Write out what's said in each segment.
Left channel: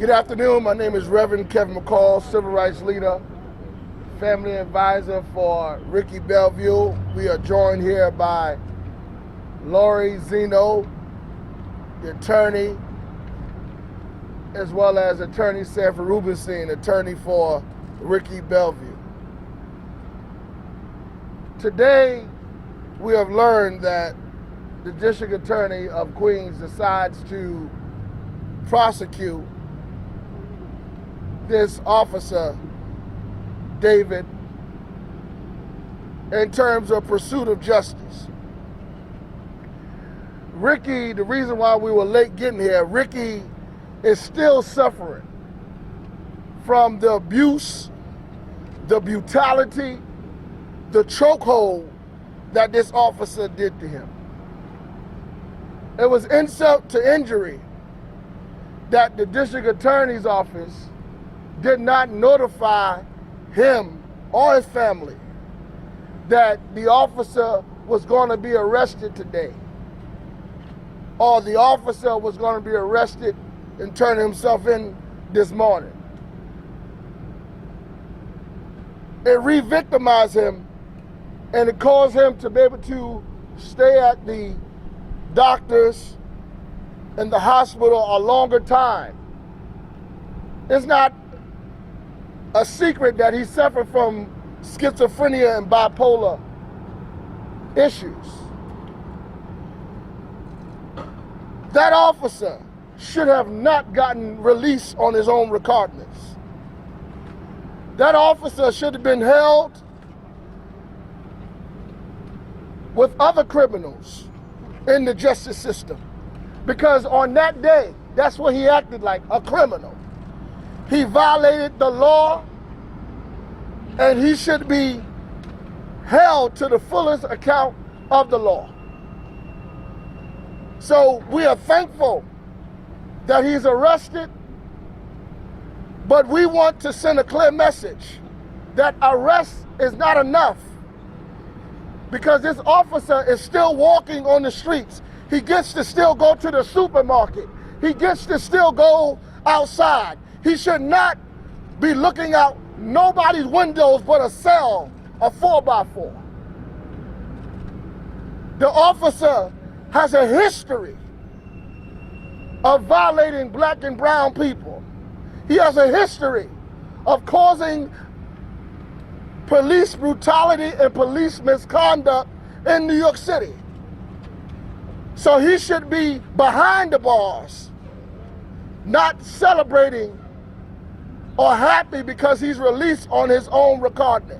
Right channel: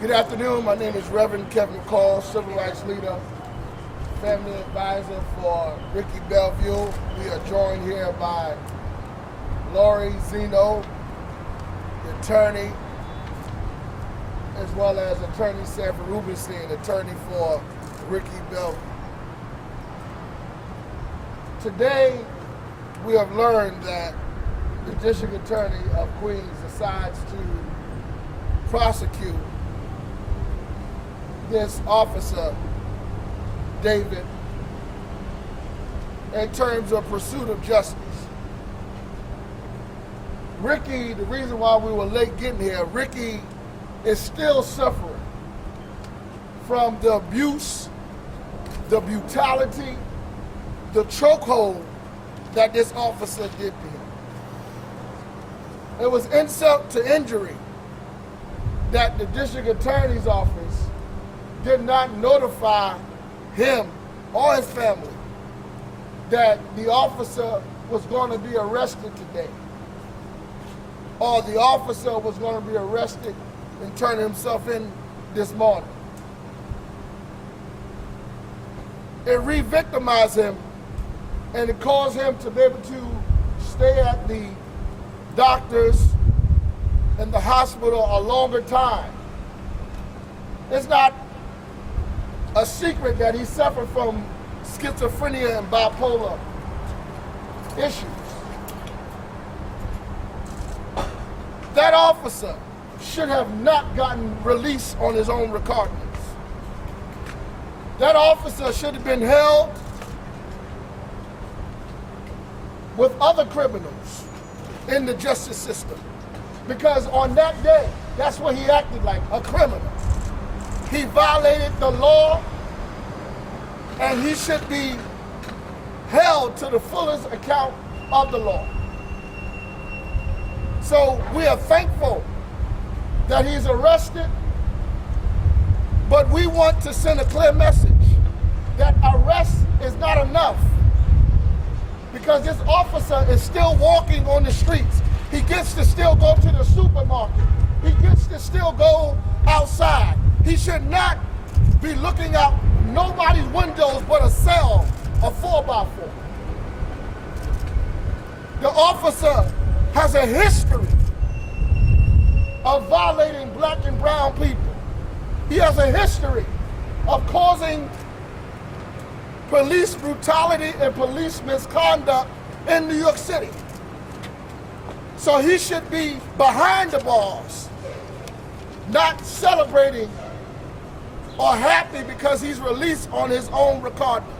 Good afternoon. My name is Reverend Kevin McCall, civil rights leader, family advisor for Ricky Bellevue. We are joined here by Lori Zeno, the attorney, as well as attorney Sanford Rubenstein, attorney for Ricky Bellevue. Today, we have learned that the district attorney of Queens decides to prosecute this officer, David, in terms of pursuit of justice. Ricky, the reason why we were late getting here, Ricky is still suffering from the abuse, the brutality, the chokehold that this officer did to him. It was insult to injury that the district attorney's office did not notify him or his family that the officer was going to be arrested today, or the officer was going to be arrested and turn himself in this morning. It re-victimized him, and it caused him to be able to stay at the doctors and the hospital a longer time. It's not a secret that he suffered from schizophrenia and bipolar issues. That officer should have not gotten released on his own recognizance. That officer should have been held with other criminals in the justice system, because on that day, that's what he acted like, a criminal. He violated the law, and he should be held to the fullest account of the law. So we are thankful that he's arrested, but we want to send a clear message that arrest is not enough, because this officer is still walking on the streets. He gets to still go to the supermarket. He gets to still go outside. He should not be looking out nobody's windows but a cell, a 4x4. The officer has a history of violating black and brown people. He has a history of causing police brutality and police misconduct in New York City. So he should be behind the bars, not celebrating or happy because he's released on his own recognizance.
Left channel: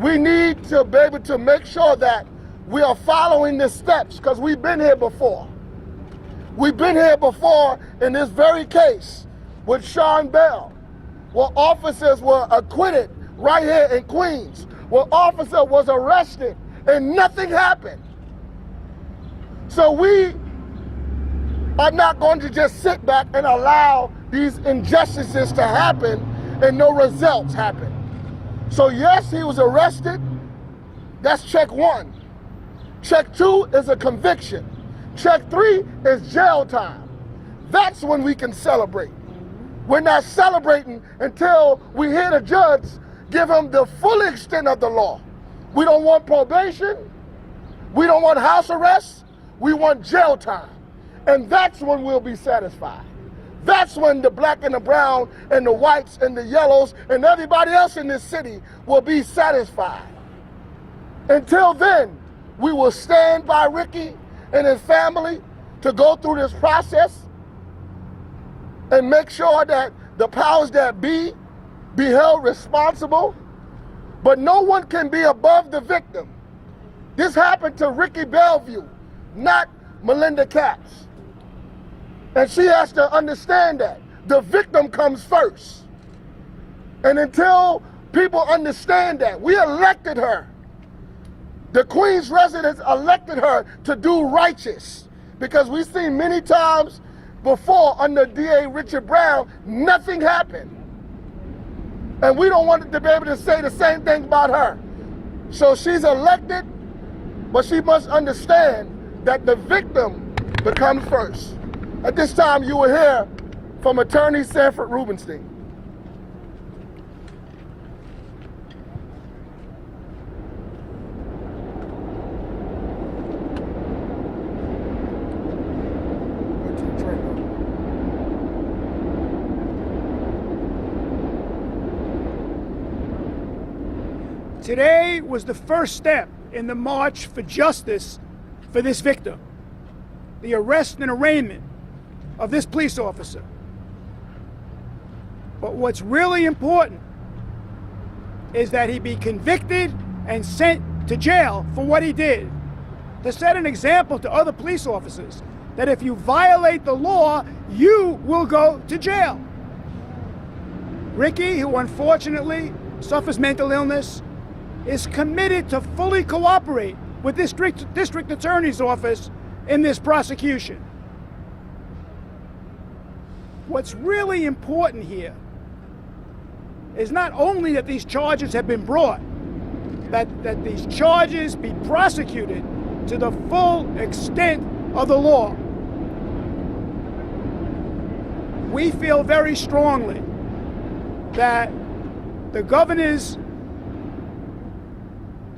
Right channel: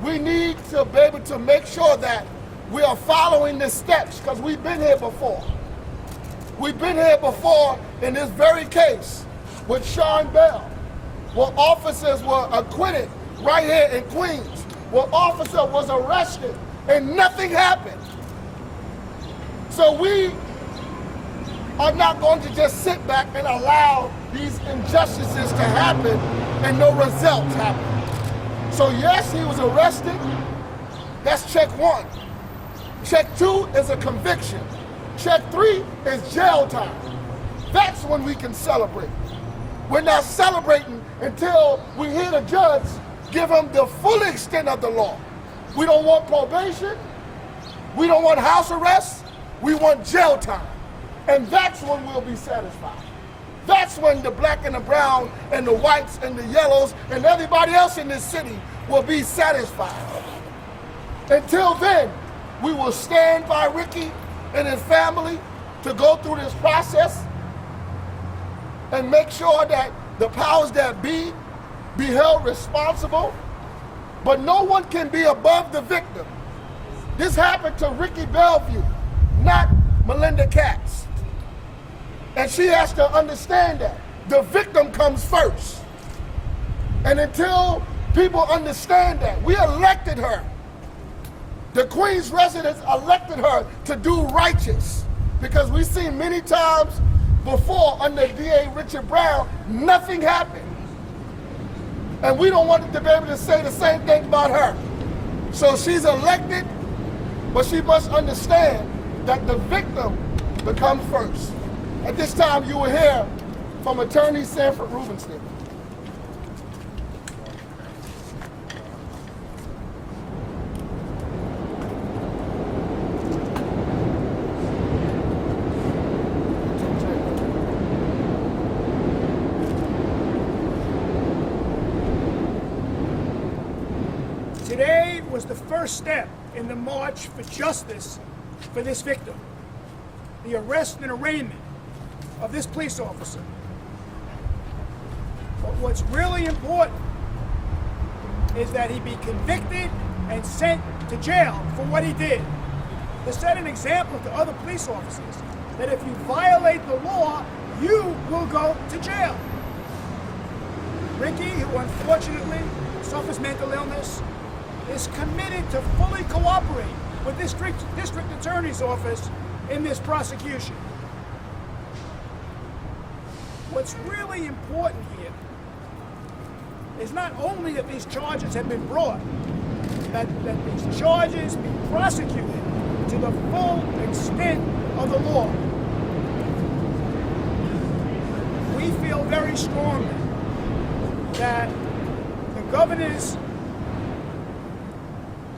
We need to be able to make sure that we are following the steps, because we've been here before. We've been here before in this very case with Sean Bell, where officers were acquitted right here in Queens, where officer was arrested and nothing happened. So we are not going to just sit back and allow these injustices to happen and no results happen. So yes, he was arrested. That's check one. Check two is a conviction. Check three is jail time. That's when we can celebrate. We're not celebrating until we hear the judge give him the full extent of the law. We don't want probation. We don't want house arrest. We want jail time. And that's when we'll be satisfied. That's when the black and the brown and the whites and the yellows and everybody else in this city will be satisfied. Until then, we will stand by Ricky and his family to go through this process and make sure that the powers that be held responsible. But no one can be above the victim. This happened to Ricky Bellevue, not Melinda Katz. And she has to understand that the victim comes first. And until people understand that, we elected her. The Queens residents elected her to do righteous, because we've seen many times before under DA Richard Brown, nothing happened. And we don't want to be able to say the same thing about her. So she's elected, but she must understand that the victim becomes first. At this time, you will hear from Attorney Sanford Rubenstein. Today was the first step in the march for justice for this victim. The arrest and arraignment of this police officer. But what's really important is that he be convicted and sent to jail for what he did. To set an example to other police officers that if you violate the law, you will go to jail. Ricky, who unfortunately suffers mental illness, is committed to fully cooperate with this district attorney's office in this prosecution. What's really important here is not only that these charges have been brought, that these charges be prosecuted to the full extent of the law. We feel very strongly that the governor's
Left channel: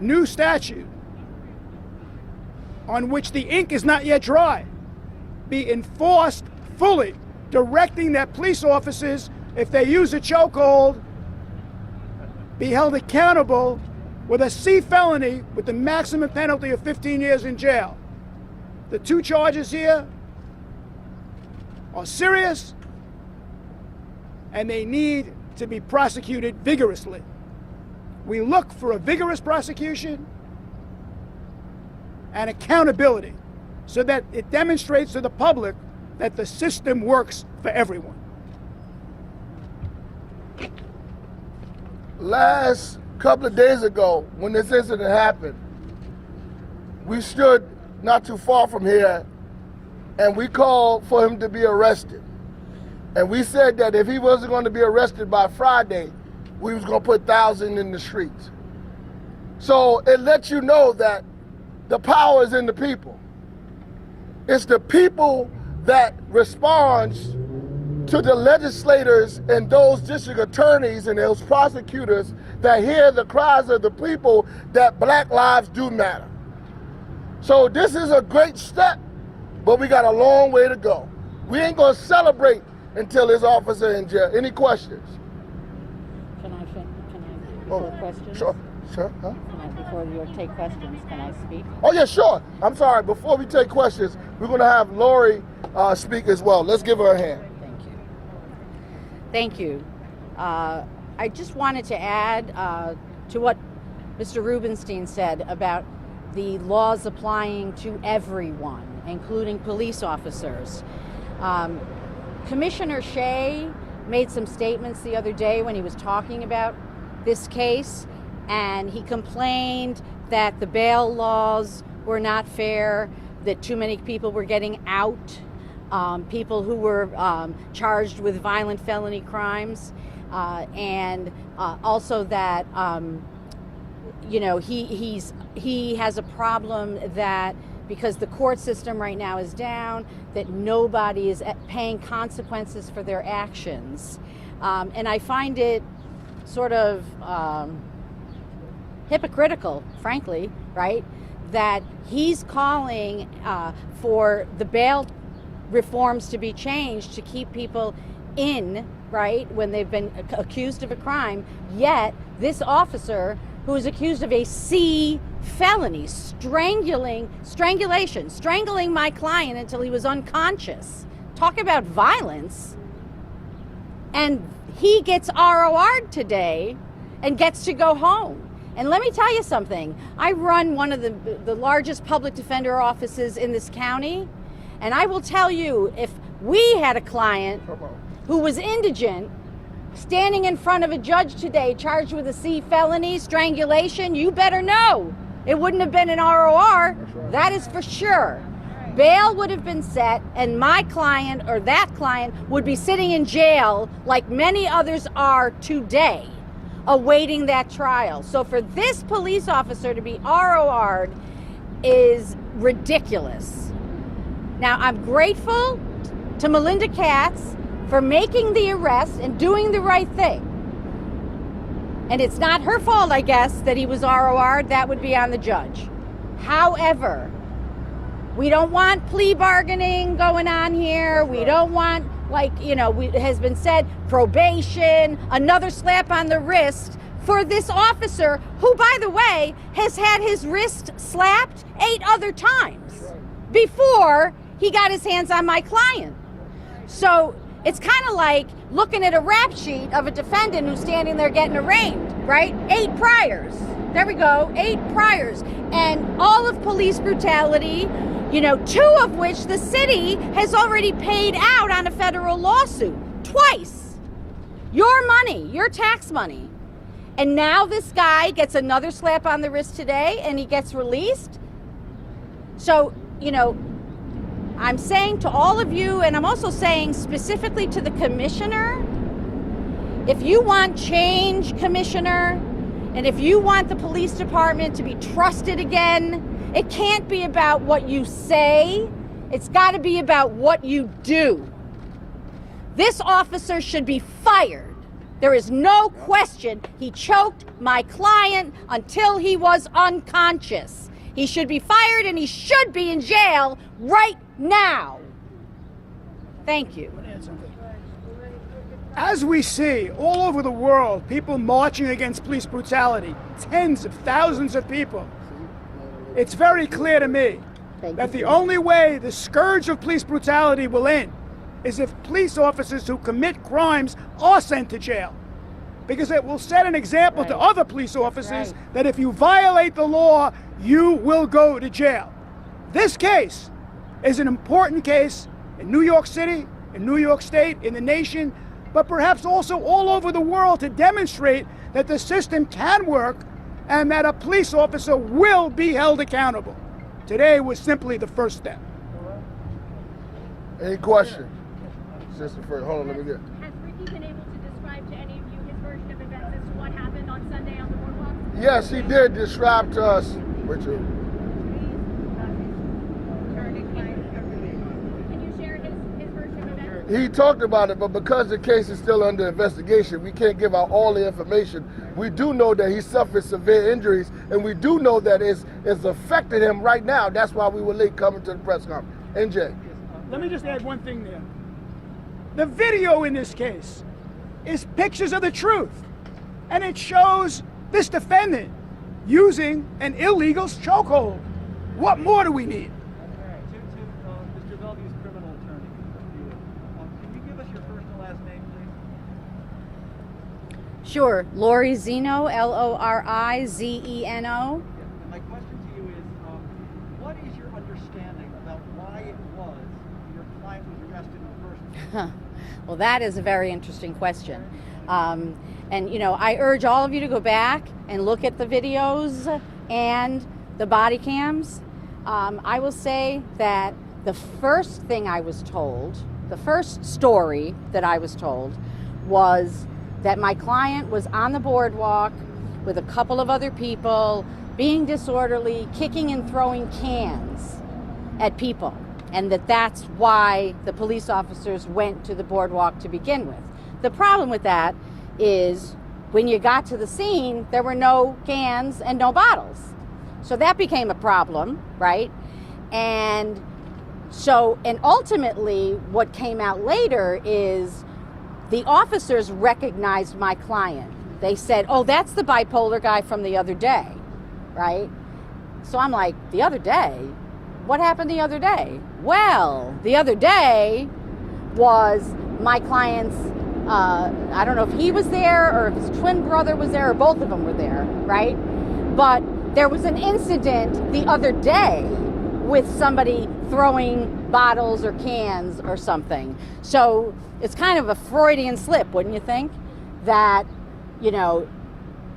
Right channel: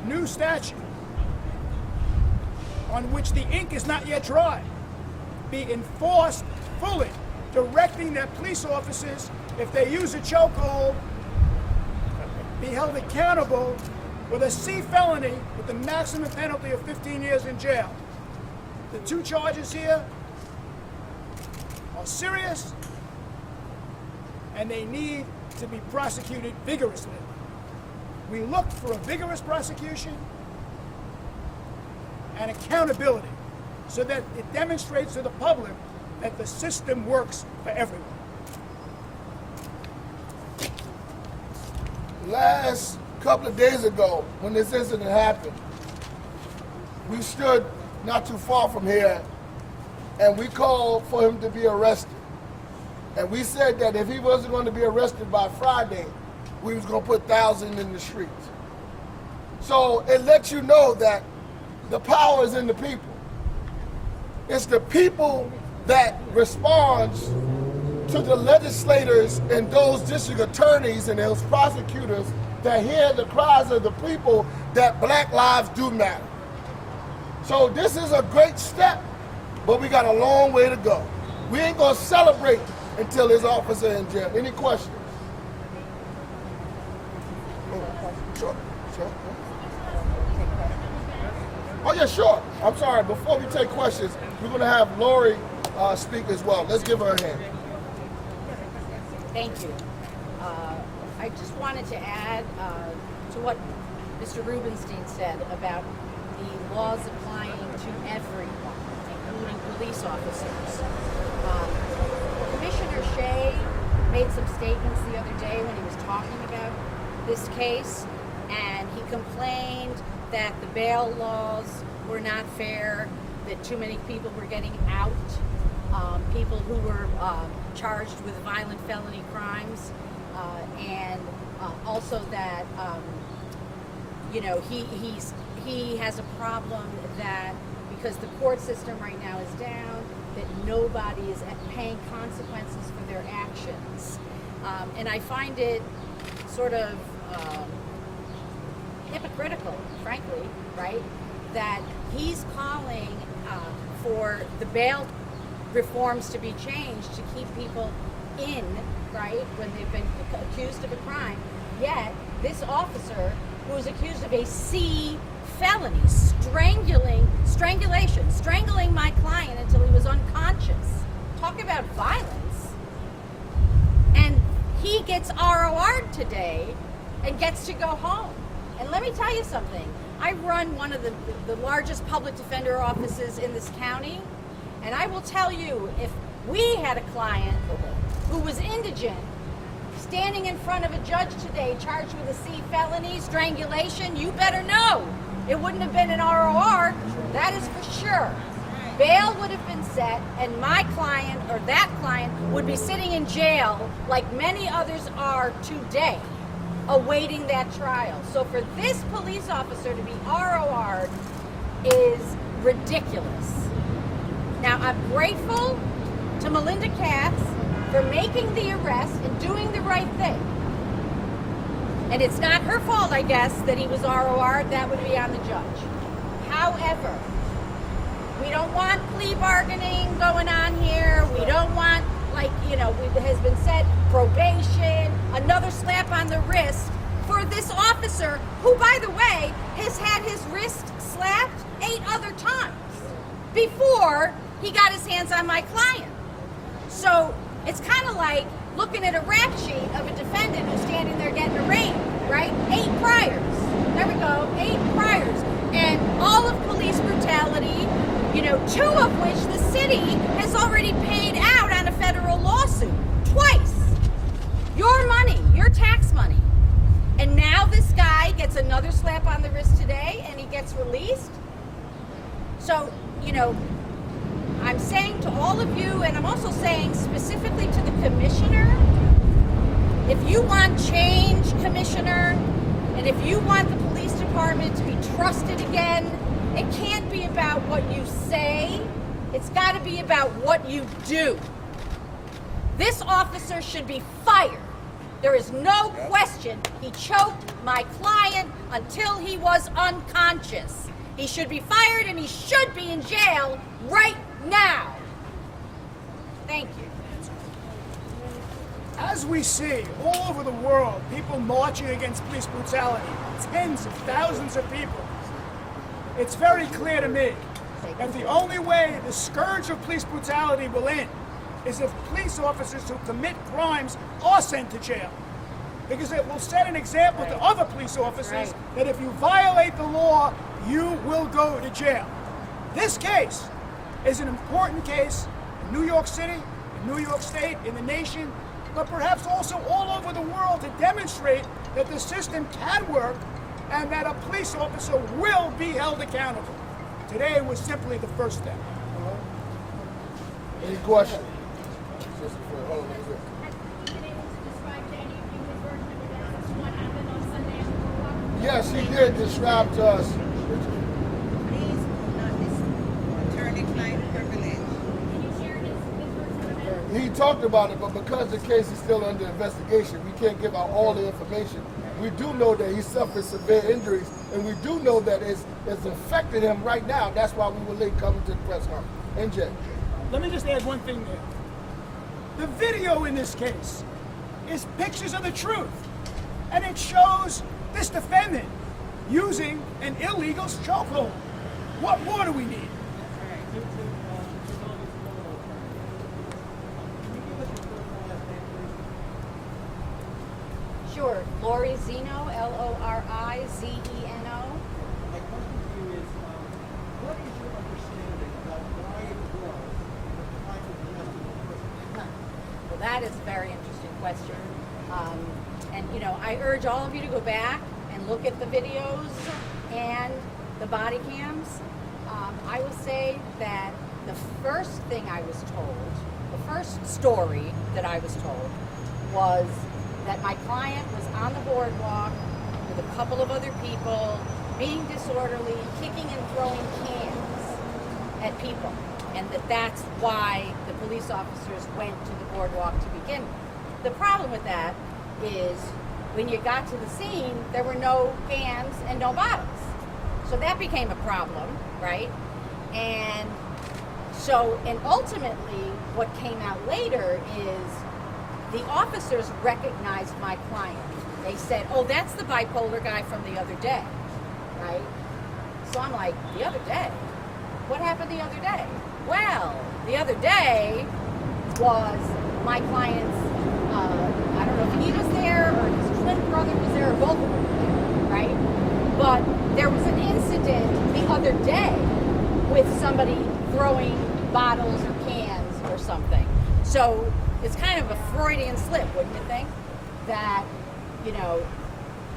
new statute, on which the ink is not yet dry, be enforced fully, directing that police officers, if they use a chokehold, be held accountable with a C felony with the maximum penalty of 15 years in jail. The two charges here are serious, and they need to be prosecuted vigorously. We look for a vigorous prosecution and accountability so that it demonstrates to the public that the system works for everyone. Last couple of days ago, when this incident happened, we stood not too far from here and we called for him to be arrested. And we said that if he wasn't going to be arrested by Friday, we was going to put thousands in the streets. So it lets you know that the power is in the people. It's the people that responds to the legislators and those district attorneys and those prosecutors that hear the cries of the people that black lives do matter. So this is a great step, but we got a long way to go. We ain't gonna celebrate until his officer in jail. Any questions? Oh, sure. Huh? Oh yeah, sure. I'm sorry, before we take questions, we're gonna have Lori speak as well. Let's give her a hand. Thank you. I just wanted to add to what Mr. Rubenstein said about the laws applying to everyone, including police officers. Commissioner Shea made some statements the other day when he was talking about this case, and he complained that the bail laws were not fair, that too many people were getting out, people who were charged with violent felony crimes, and also that he has a problem that because the court system right now is down, that nobody is paying consequences for their actions. And I find it sort of hypocritical, frankly, right? That he's calling for the bail reforms to be changed to keep people in, right, when they've been accused of a crime, yet this officer who is accused of a C felony, strangling my client until he was unconscious. Talk about violence. And he gets ROR'd today and gets to go home. And let me tell you something. I run one of the largest public defender offices in this county, and I will tell you, if we had a client who was indigent standing in front of a judge today charged with a C felony, strangulation, you better know it wouldn't have been an ROR. That is for sure. Bail would have been set, and my client or that client would be sitting in jail like many others are today, awaiting that trial. So for this police officer to be ROR'd is ridiculous. Now, I'm grateful to Melinda Katz for making the arrest and doing the right thing. And it's not her fault, I guess, that he was ROR. That would be on the judge. However, we don't want plea bargaining going on here. We don't want, like, you know, it has been said, probation, another slap on the wrist for this officer who, by the way, has had his wrist slapped 8 other times before he got his hands on my client. So it's kind of like looking at a rap sheet of a defendant who's standing there getting arraigned, right? 8 priors. There we go, 8 priors. And all of police brutality, you know, 2 of which the city has already paid out on a federal lawsuit, twice. Your money, your tax money. And now this guy gets another slap on the wrist today and he gets released. So, you know, I'm saying to all of you, and I'm also saying specifically to the commissioner, if you want change, commissioner, and if you want the police department to be trusted again, it can't be about what you say. It's got to be about what you do. This officer should be fired. There is no question he choked my client until he was unconscious. He should be fired and he should be in jail right now. Thank you. As we see all over the world, people marching against police brutality, tens of thousands of people, it's very clear to me that the only way the scourge of police brutality will end is if police officers who commit crimes are sent to jail. Because it will set an example to other police officers that if you violate the law, you will go to jail. This case is an important case in New York City, in New York State, in the nation, but perhaps also all over the world to demonstrate that the system can work and that a police officer will be held accountable. Today was simply the first step. Any questions? Hold on, let me get. Have you been able to describe to any of you his version of events as what happened on Sunday on the boardwalk? Yes, he did describe to us, Richard. Please, his attorney-client privilege. Can you share his version of events? He talked about it, but because the case is still under investigation, we can't give out all the information. We do know that he suffered severe injuries, and we do know that it's affecting him right now. That's why we were late coming to the press conference. NJ. Let me just add one thing there. The video in this case is pictures of the truth, and it shows this defendant using an illegal chokehold. What more do we need? Sure, Lori Zeno, Lorizeno. My question to you is, what is your understanding about why it was your client was arrested in the first place? Well, that is a very interesting question. And, you know, I urge all of you to go back and look at the videos and the body cams. I will say that the first thing I was told, the first story that I was told was that my client was on the boardwalk with a couple of other people, being disorderly, kicking and throwing cans at people. And that's why the police officers went to the boardwalk to begin with. The problem with that is when you got to the scene, there were no cans and no bottles. So that became a problem, right? And ultimately what came out later is the officers recognized my client. They said, oh, that's the bipolar guy from the other day, right? So I'm like, the other day? What happened the other day? Well, the other day was my client's, I don't know if he was there or if his twin brother was there or both of them were there, right? But there was an incident the other day with somebody throwing bottles or cans or something. So it's kind of a Freudian slip, wouldn't you think? That, you know,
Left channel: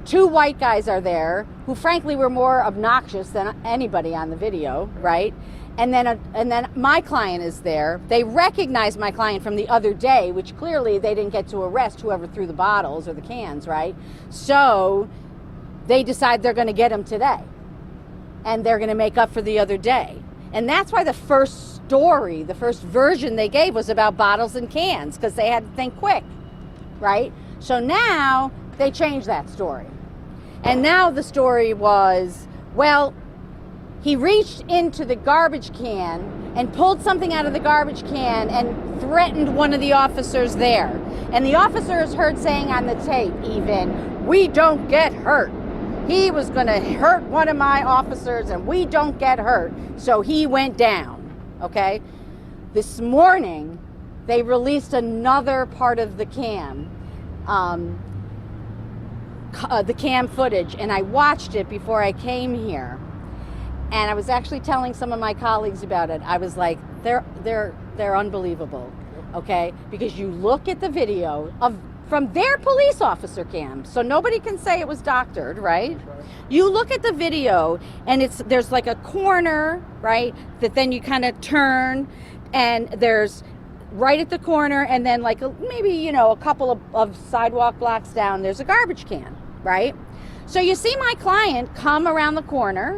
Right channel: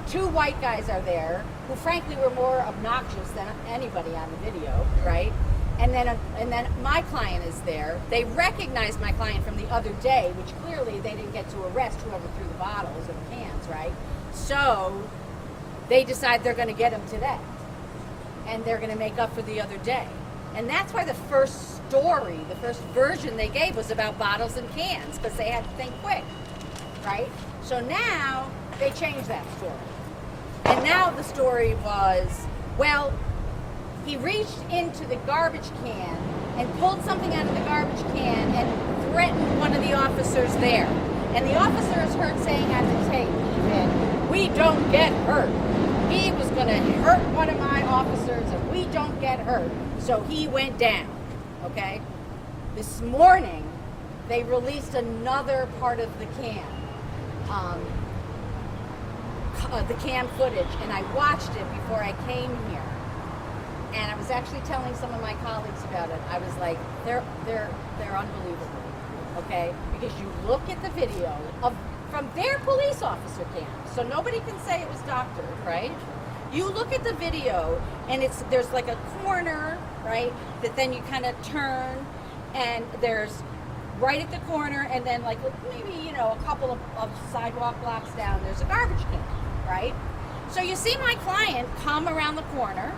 2 white guys are there who frankly were more obnoxious than anybody on the video, right? And then my client is there. They recognize my client from the other day, which clearly they didn't get to arrest whoever threw the bottles or the cans, right? So they decide they're going to get him today. And they're going to make up for the other day. And that's why the first story, the first version they gave was about bottles and cans, because they had to think quick, right? So now they changed that story. And now the story was, well, he reached into the garbage can and pulled something out of the garbage can and threatened one of the officers there. And the officer is heard saying on the tape even, "We don't get hurt. He was gonna hurt one of my officers and we don't get hurt." So he went down, okay? This morning, they released another part of the cam footage, and I watched it before I came here. And I was actually telling some of my colleagues about it. I was like, they're unbelievable, okay? Because you look at the video from their police officer cam, so nobody can say it was doctored, right? You look at the video, and there's like a corner, right? That then you kind of turn, and there's right at the corner, and then like maybe a couple of sidewalk blocks down, there's a garbage can, right? So you see my client come around the corner.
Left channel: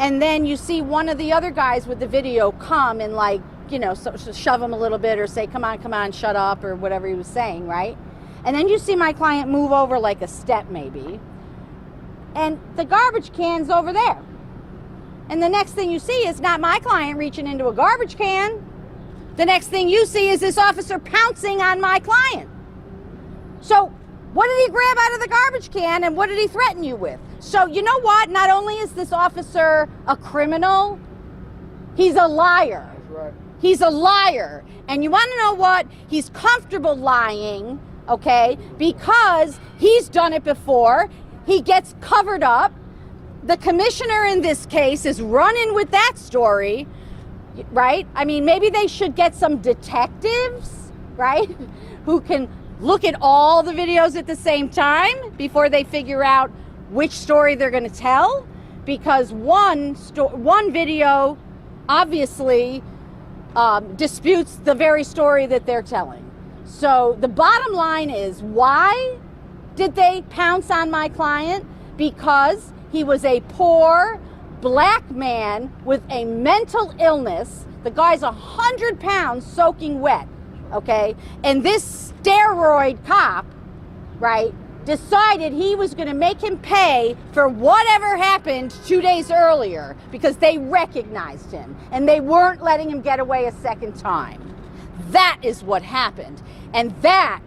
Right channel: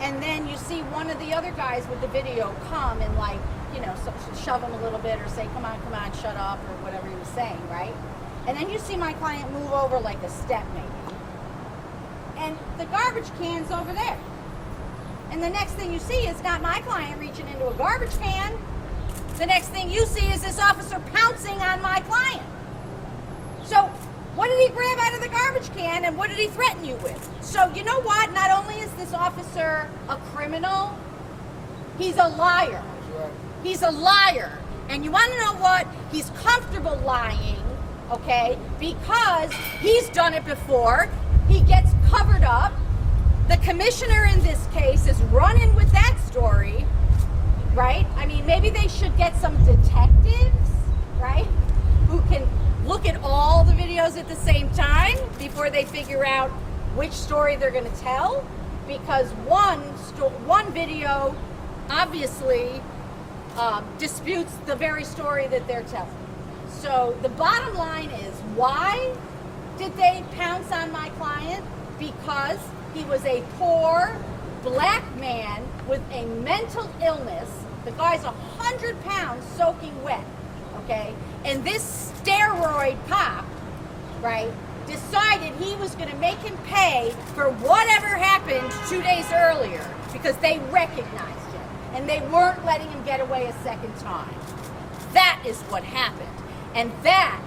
And then you see one of the other guys with the video come and so shove him a little bit or say, come on, shut up, or whatever he was saying, right? And then you see my client move over like a step maybe. And the garbage can's over there. And the next thing you see is not my client reaching into a garbage can. The next thing you see is this officer pouncing on my client. So what did he grab out of the garbage can, and what did he threaten you with? So you know what? Not only is this officer a criminal, he's a liar. He's a liar. And you want to know what? He's comfortable lying, okay, because he's done it before. He gets covered up. The commissioner in this case is running with that story, right? I mean, maybe they should get some detectives, right, who can look at all the videos at the same time before they figure out which story they're going to tell, because one video obviously disputes the very story that they're telling. So the bottom line is, why did they pounce on my client? Because he was a poor black man with a mental illness. The guy's 100 pounds soaking wet, okay? And this steroid cop, right, decided he was going to make him pay for whatever happened 2 days earlier, because they recognized him and they weren't letting him get away a second time. That is what happened. And that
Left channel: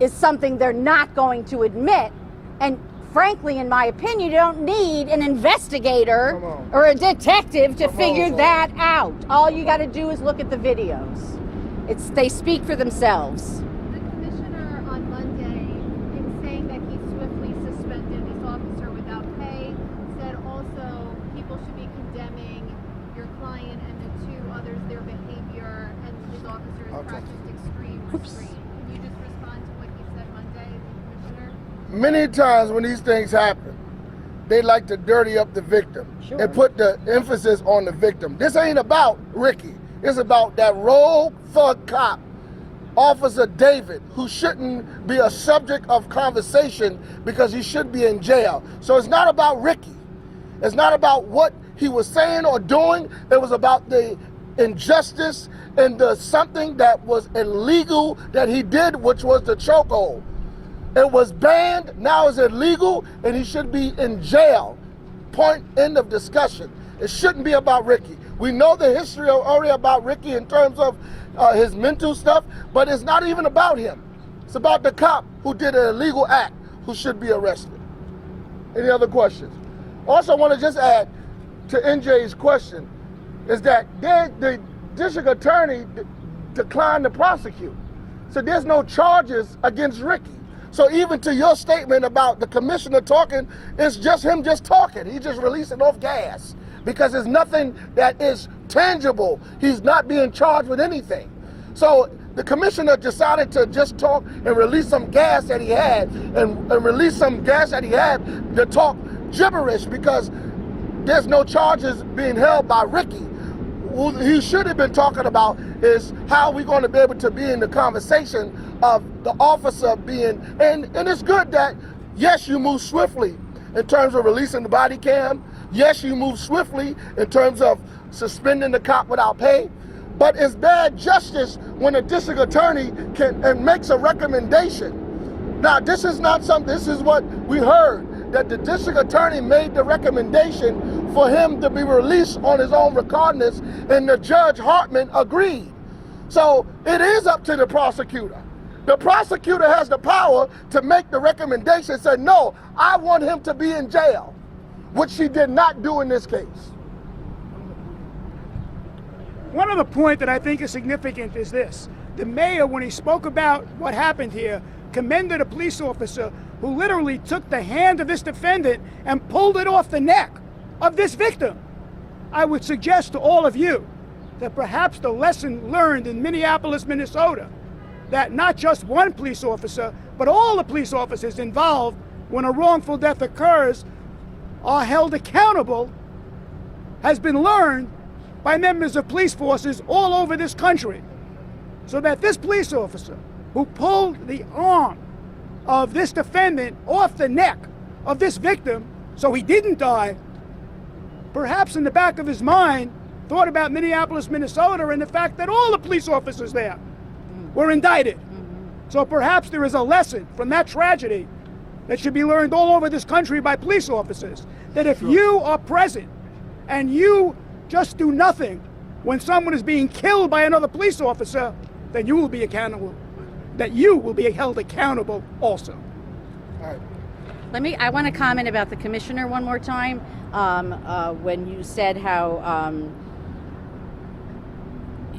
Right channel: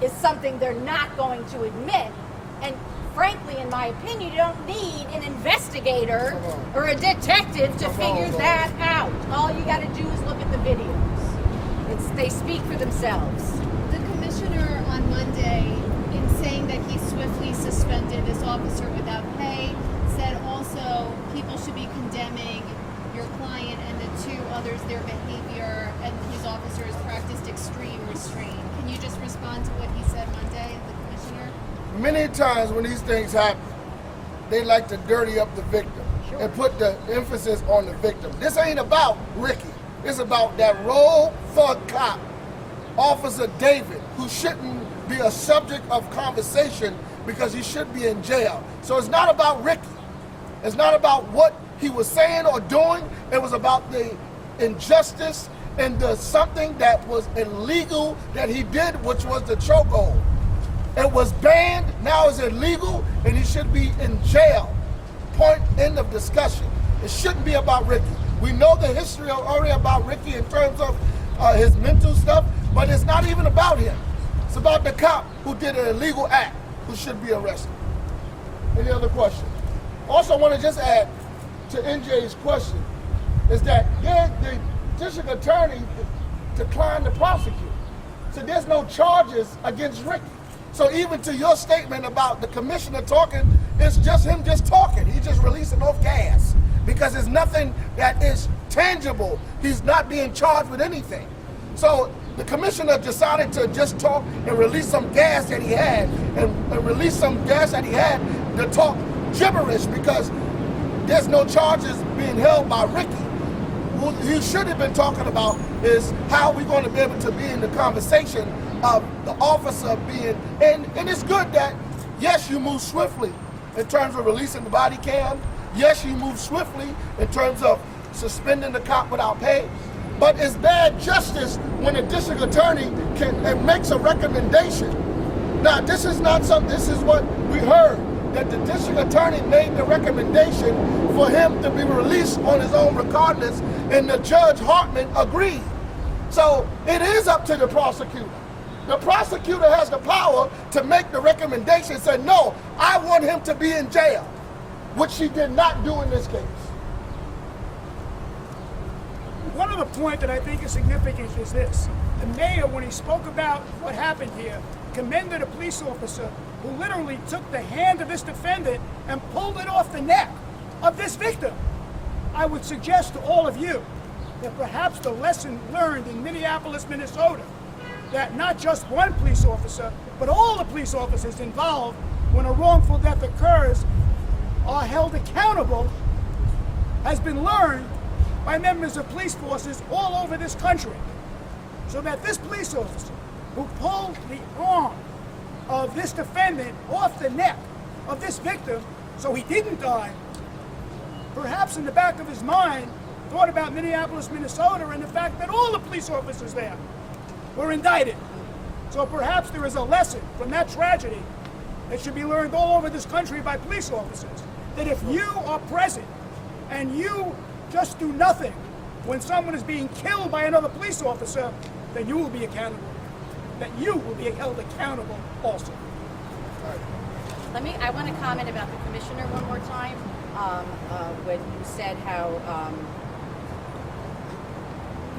is something they're not going to admit. And frankly, in my opinion, you don't need an investigator or a detective to figure that out. All you got to do is look at the videos. They speak for themselves. The commissioner on Monday, in saying that he swiftly suspended this officer without pay, said also people should be condemning your client and the two others, their behavior, and his officers practiced extreme restraint. Can you just respond to what he said Monday, the commissioner? Many times when these things happen, they like to dirty up the victim and put the emphasis on the victim. This ain't about Ricky. It's about that rogue thug cop, Officer David, who shouldn't be a subject of conversation because he should be in jail. So it's not about Ricky. It's not about what he was saying or doing. It was about the injustice and the something that was illegal that he did, which was the chokehold. It was banned, now it's illegal, and he should be in jail. Point, end of discussion. It shouldn't be about Ricky. We know the history already about Ricky in terms of his mental stuff, but it's not even about him. It's about the cop who did an illegal act, who should be arrested. Any other questions? Also, I want to just add to NJ's question, is that the district attorney declined to prosecute. So there's no charges against Ricky. So even to your statement about the commissioner talking, it's just him just talking. He's just releasing off gas because there's nothing that is tangible. He's not being charged with anything. So the commissioner decided to just talk and release some gas that he had and release some gas that he had to talk gibberish because there's no charges being held by Ricky. What he should have been talking about is how we're going to be able to be in the conversation of the officer being, and it's good that, yes, you move swiftly in terms of releasing the body cam, Yes, you move swiftly in terms of suspending the cop without pay, but it's bad justice when a district attorney makes a recommendation. Now, this is not something, this is what we heard, that the district attorney made the recommendation for him to be released on his own recognizance, and the Judge Hartman agreed. So it is up to the prosecutor. The prosecutor has the power to make the recommendation and say, no, I want him to be in jail, which she did not do in this case. One other point that I think is significant is this. The mayor, when he spoke about what happened here, commended a police officer who literally took the hand of this defendant and pulled it off the neck of this victim. I would suggest to all of you that perhaps the lesson learned in Minneapolis, Minnesota, that not just one police officer, but all the police officers involved when a wrongful death occurs are held accountable, has been learned by members of police forces all over this country. So that this police officer who pulled the arm of this defendant off the neck of this victim so he didn't die, perhaps in the back of his mind thought about Minneapolis, Minnesota, and the fact that all the police officers there were indicted. So perhaps there is a lesson from that tragedy that should be learned all over this country by police officers, that if you are present and you just do nothing when someone is being killed by another police officer, then you will be accountable, that you will be held accountable also. I want to comment about the commissioner one more time. When you said how,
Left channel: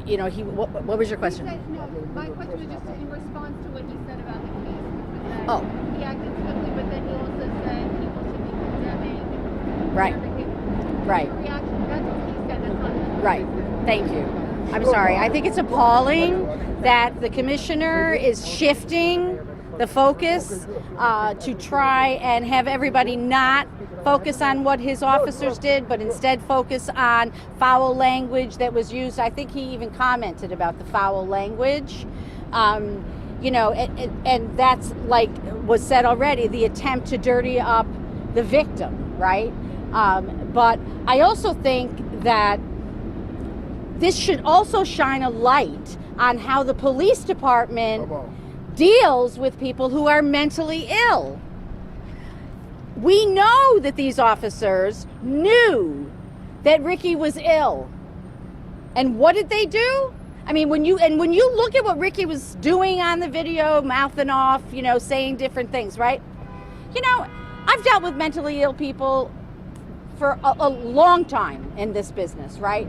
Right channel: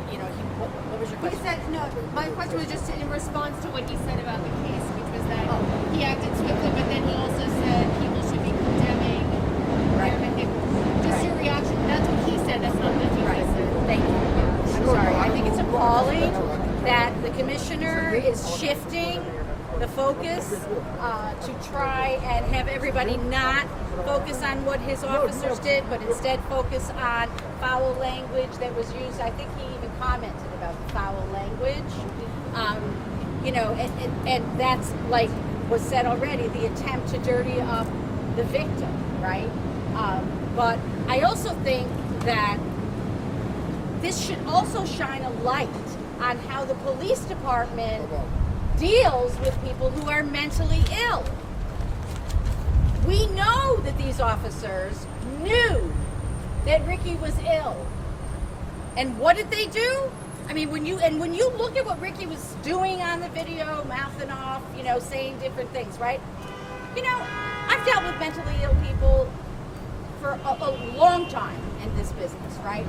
what was your He question? said, no, my question was just in response to what he said about the case, which was that he acted swiftly, but then he also said people should be condemning Right. everything. Just Right. your reaction, that's what he said, that's what Right. he said. Thank you. I'm sorry. I think it's appalling that the commissioner is shifting the focus to try and have everybody not focus on what his officers did, but instead focus on foul language that was used. I think he even commented about the foul language. And that's, like was said already, the attempt to dirty up the victim, right? But I also think that this should also shine a light on how the police department deals with people who are mentally ill. We know that these officers knew that Ricky was ill. And what did they do? I mean, when you look at what Ricky was doing on the video, mouthing off, saying different things, right? I've dealt with mentally ill people for a long time in this business, right?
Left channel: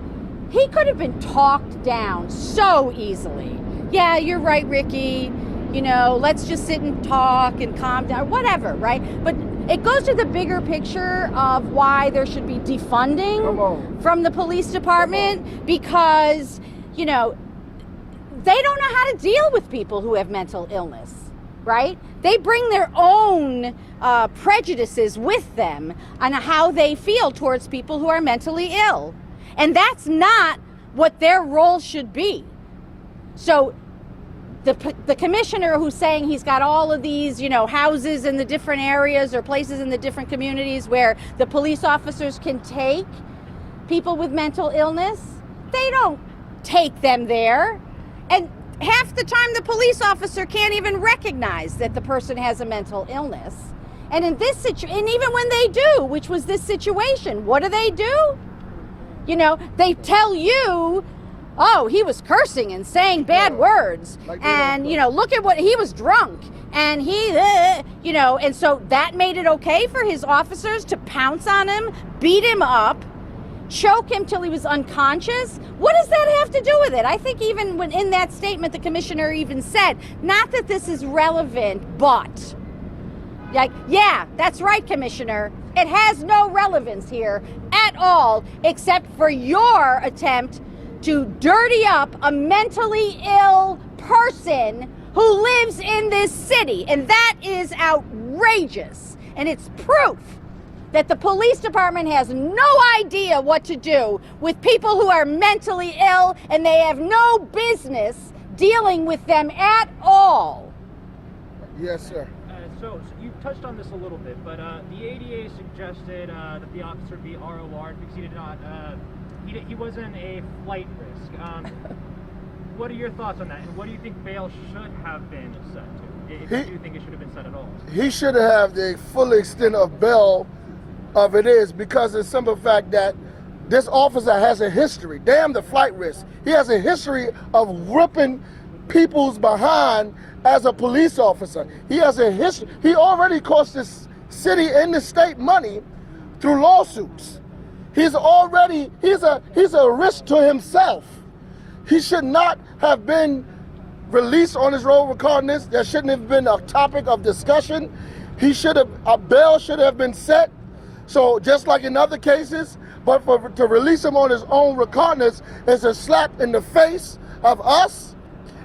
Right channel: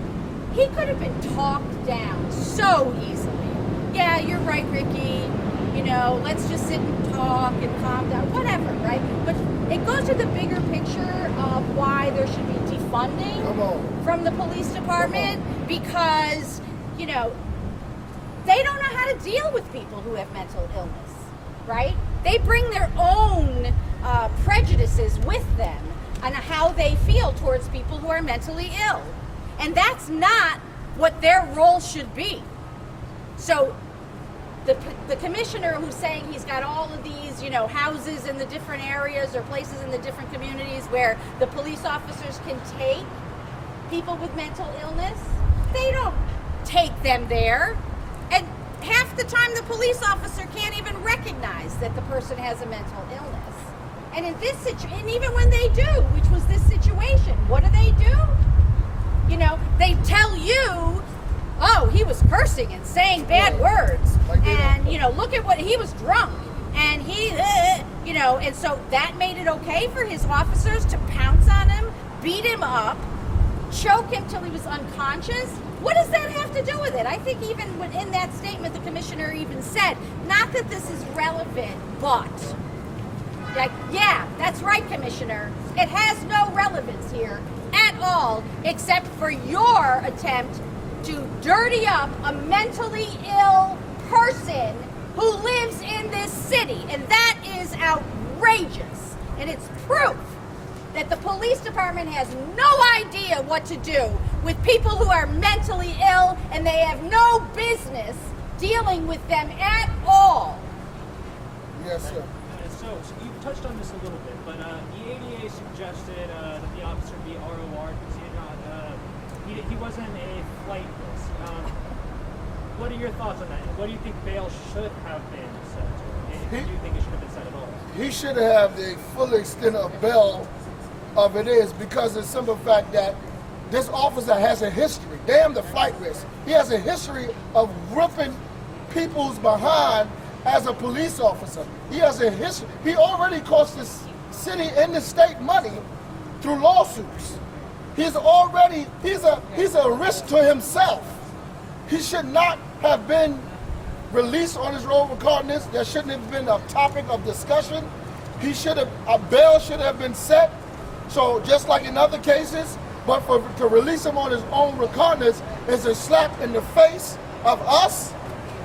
He could have been talked down so easily. Yeah, you're right, Ricky. Let's just sit and talk and calm down, whatever, right? But it goes to the bigger picture of why there should be defunding from the police department, because, they don't know how to deal with people who have mental illness, right? They bring their own prejudices with them on how they feel towards people who are mentally ill. And that's not what their role should be. So the commissioner who's saying he's got all of these, houses in the different areas or places in the different communities where the police officers can take people with mental illness, they don't take them there. And half the time the police officer can't even recognize that the person has a mental illness. And in this situation, and even when they do, which was this situation, what do? They tell you, oh, he was cursing and saying bad words. And, look at what he was drunk. And and so that made it okay for his officers to pounce on him, beat him up, choke him till he was unconscious. What does that have to do with it? I think even when in that statement, the commissioner even said, not that this is relevant, but, yeah, that's right, Commissioner. It has no relevance here at all, except for your attempt to dirty up a mentally ill person who lives in this city. And that is outrageous. And it's proof that the police department has no idea what to do with people who are mentally ill, and they have no business dealing with them at all. Yes, sir. So you touched on this a little bit, but the ADA suggested that the officer be ROR'd because he did not, he wasn't a flight risk. What are your thoughts on that? And what do you think bail should have been set to? If you do think it should have been set at all? He should have the full extent of bail of it is because of the simple fact that this officer has a history. Damn the flight risk. He has a history of ripping people's behind as a police officer. He has a history. He already cost this city and the state money through lawsuits. He's a risk to himself. He should not have been released on his road recognizance. That shouldn't have been a topic of discussion. A bail should have been set. So just like in other cases, but to release him on his own recognizance is a slap in the face of us,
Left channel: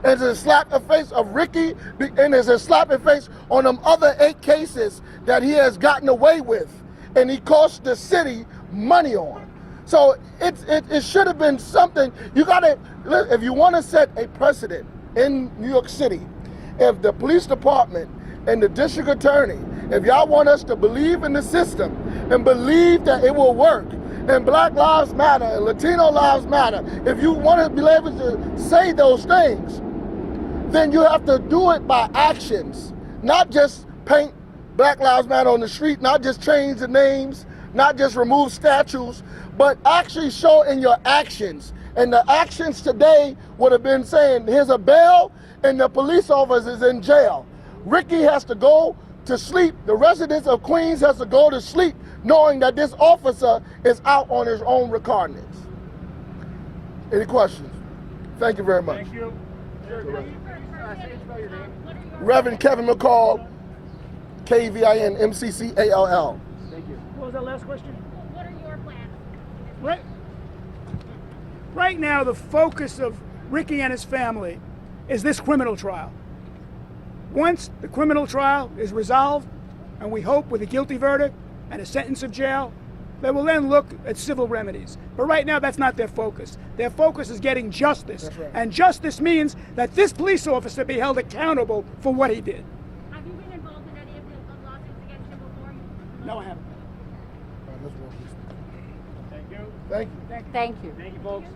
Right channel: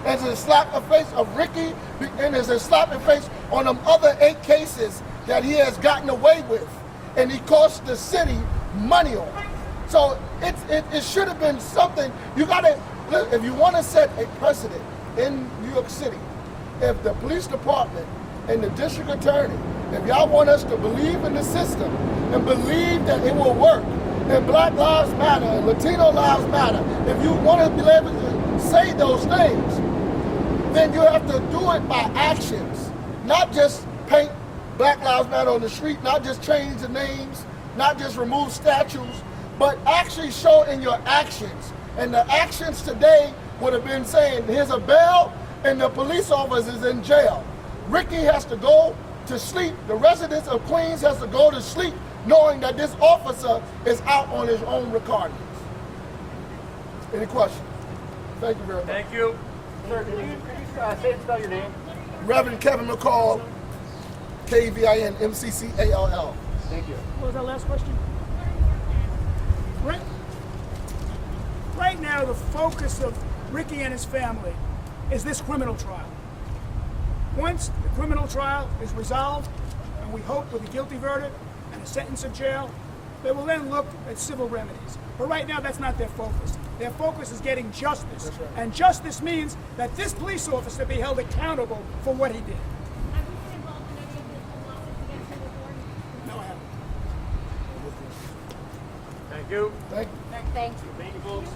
it's a slap in the face of Ricky, and it's a slap in the face on them other 8 cases that he has gotten away with, and he cost the city money on. So it should have been something. You gotta, if you want to set a precedent in New York City, if the police department and the district attorney, if y'all want us to believe in the system and believe that it will work, and Black Lives Matter and Latino Lives Matter, if you want to be able to say those things, then you have to do it by actions, not just paint Black Lives Matter on the street, not just change the names, not just remove statues, but actually show in your actions. And the actions today would have been saying, here's a bail and the police officer is in jail. Ricky has to go to sleep. The residents of Queens has to go to sleep knowing that this officer is out on his own recognizance. Any questions? Thank you very much. Thank you. Sir, could you say and spell your name? Reverend Kevin McCall, KEVIN-MCCALL. Thank you. What was our last question? Right now, the focus of Ricky and his family is this criminal trial. Once the criminal trial is resolved, and we hope with a guilty verdict and a sentence of jail, they will then look at civil remedies. But right now, that's not their focus. Their focus is getting justice. That's right. And justice means that this police officer be held accountable for what he did. Have you been involved in any of the lawsuits against him before? No, I haven't. Thank you. Thank you. Thank you. Thank you, folks.